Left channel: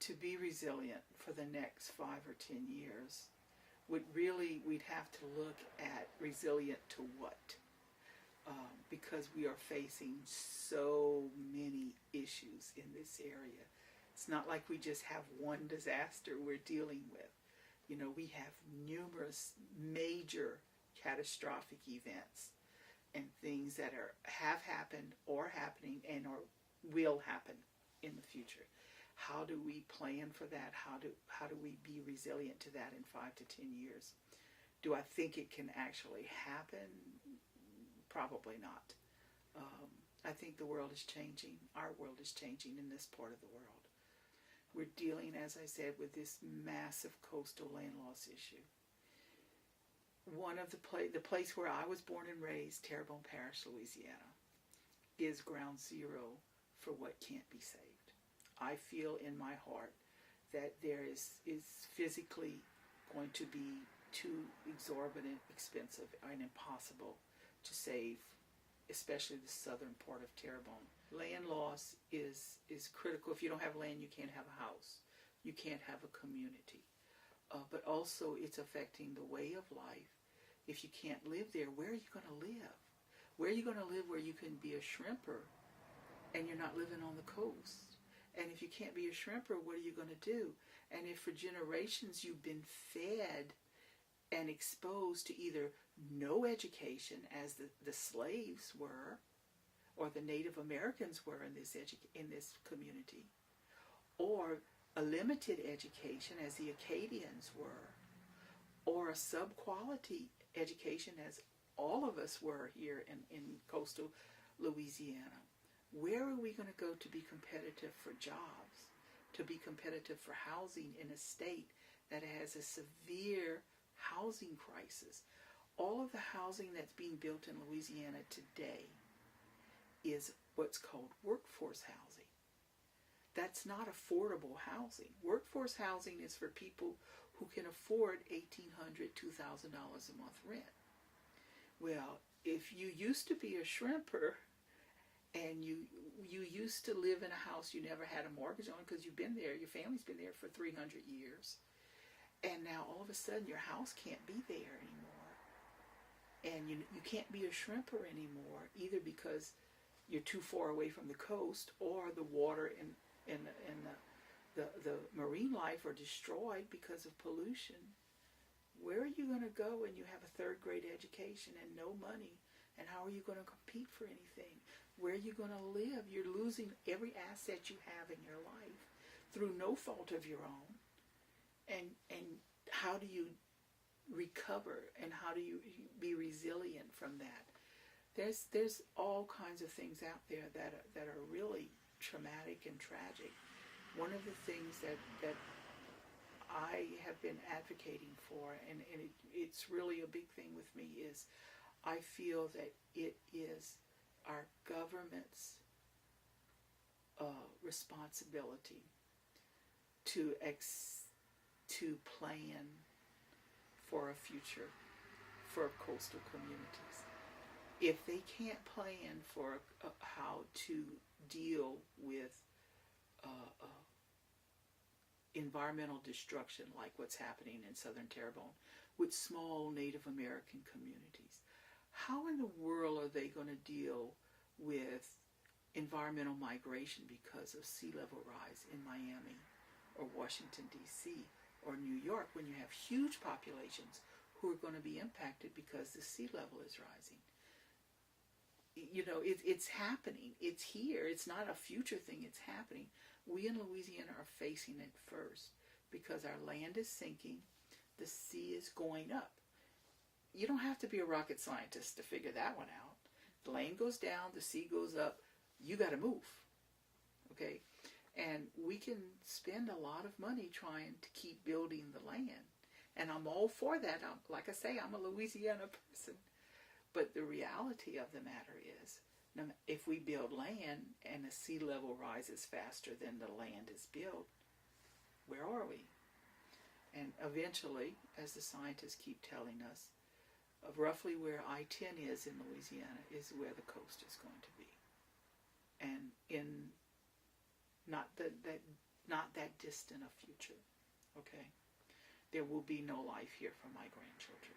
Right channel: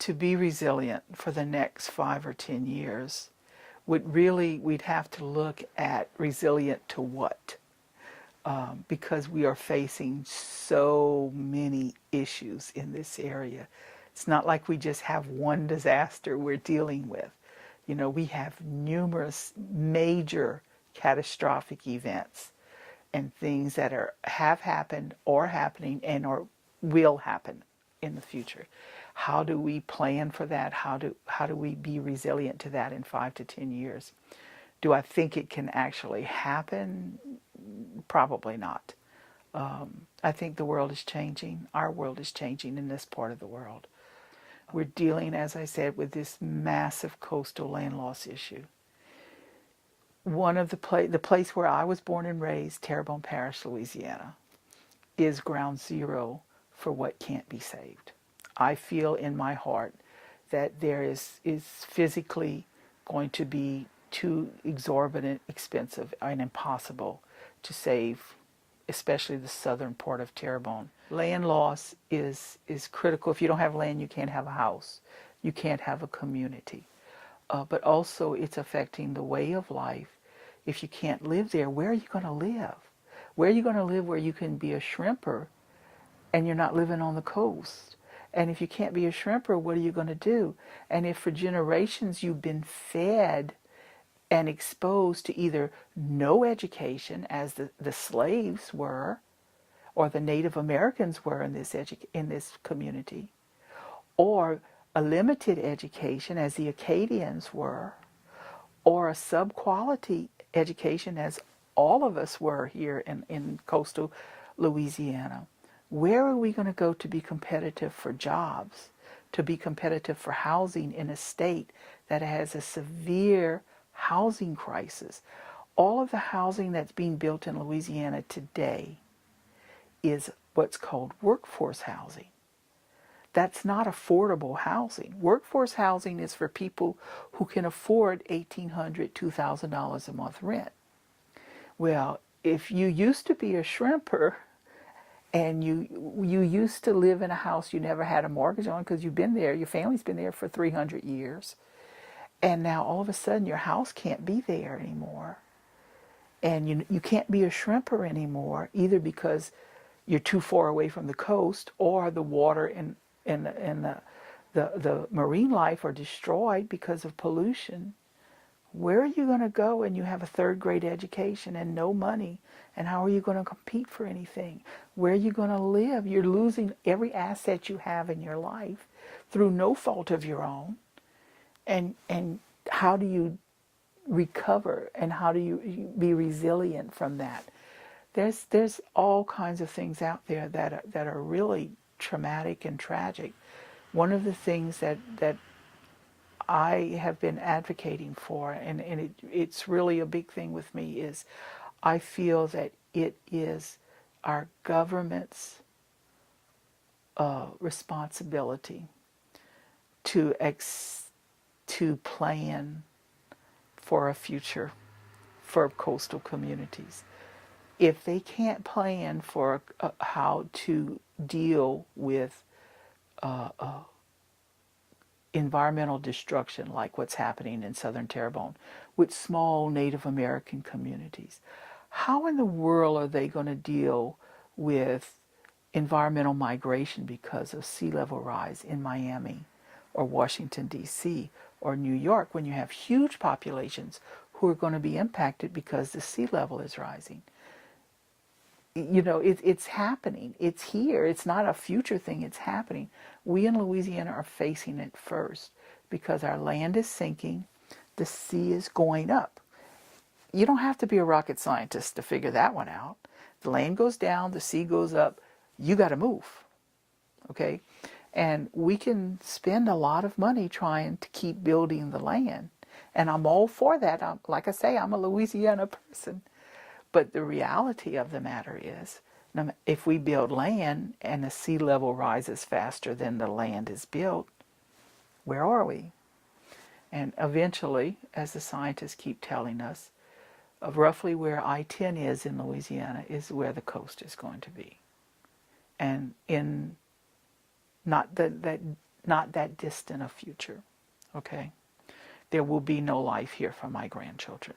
to be resilient for the next 5 or 10 years we'd have to look at resilient to what? Because we are facing so many issues in this area. It's not like we just have one disaster we're dealing with. You know, we have numerous major catastrophic events and things that have happened or happening and or will happen in the future. How do we plan for that? How do we be resilient to that in 5 to 10 years? Do I think it can actually happen? Probably not. I think the world is changing. Our world is changing in this part of the world. We're dealing, as I said, with this massive coastal land loss issue. One of the place where I was born and raised, Terrebonne Parish, Louisiana, is ground zero for what can't be saved. I feel in my heart that there is physically going to be too exorbitant, expensive, and impossible to save, especially the southern part of Terrebonne. Land loss is critical. If you don't have land, you can't have a house. You can't have a community. But also it's affecting the way of life. If you can't live there, where are you going to live? Where are you going to live where you can be a shrimper and you're not living on the coast? And if you can't be a shrimper, what are you going to do? And if for generations you've been fed and exposed to either no education, as the slaves were, or the Native Americans were in this community, or a limited education, as the Acadians were, or a sub-quality education, as all of us were here in coastal Louisiana, where are we going to go to be competitive for jobs, to be competitive for housing in a state that has a severe housing crisis? All of the housing that's being built in Louisiana today is what's called workforce housing. That's not affordable housing. Workforce housing is for people who can afford $1,800, $2,000 a month rent. Well, if you used to be a shrimper and you used to live in a house you never had a mortgage on because you've been there, your family's been there for 300 years, and now all of a sudden your house can't be there anymore, and you can't be a shrimper anymore, either because you're too far away from the coast, or the water and the marine life are destroyed because of pollution. Where are you going to go when you have a third-grade education and no money? And how are you going to compete for anything? Where are you going to live? You're losing every asset you have in your life through no fault of your own. And how do you recover, and how do you be resilient from that? There's all kinds of things out there that are really traumatic and tragic. One of the things that I have been advocating for, and it's really a big thing with me, is I feel that it is our government's responsibility to plan for a future for coastal communities. If they can't plan for how to deal with environmental destruction like what's happening in southern Terrebonne with small Native American communities, how in the world are they going to deal with environmental migration because of sea level rise in Miami or Washington, D.C. or New York, when you have huge populations who are going to be impacted because the sea level is rising? You know, it's happening. It's here. It's not a future thing. It's happening. We in Louisiana are facing it first because our land is sinking. The sea is going up. You don't have to be a rocket scientist to figure that one out. The land goes down, the sea goes up. You got to move. Okay? And we can spend a lot of money trying to keep building the land. And I'm all for that. Like I say, I'm a Louisiana person. But the reality of the matter is, if we build land and the sea level rises faster than the land is built, where are we? And eventually, as the scientists keep telling us, roughly where I-10 is in Louisiana is where the coast is going to be. And in not not that distant a future. Okay? There will be no life here for my grandchildren.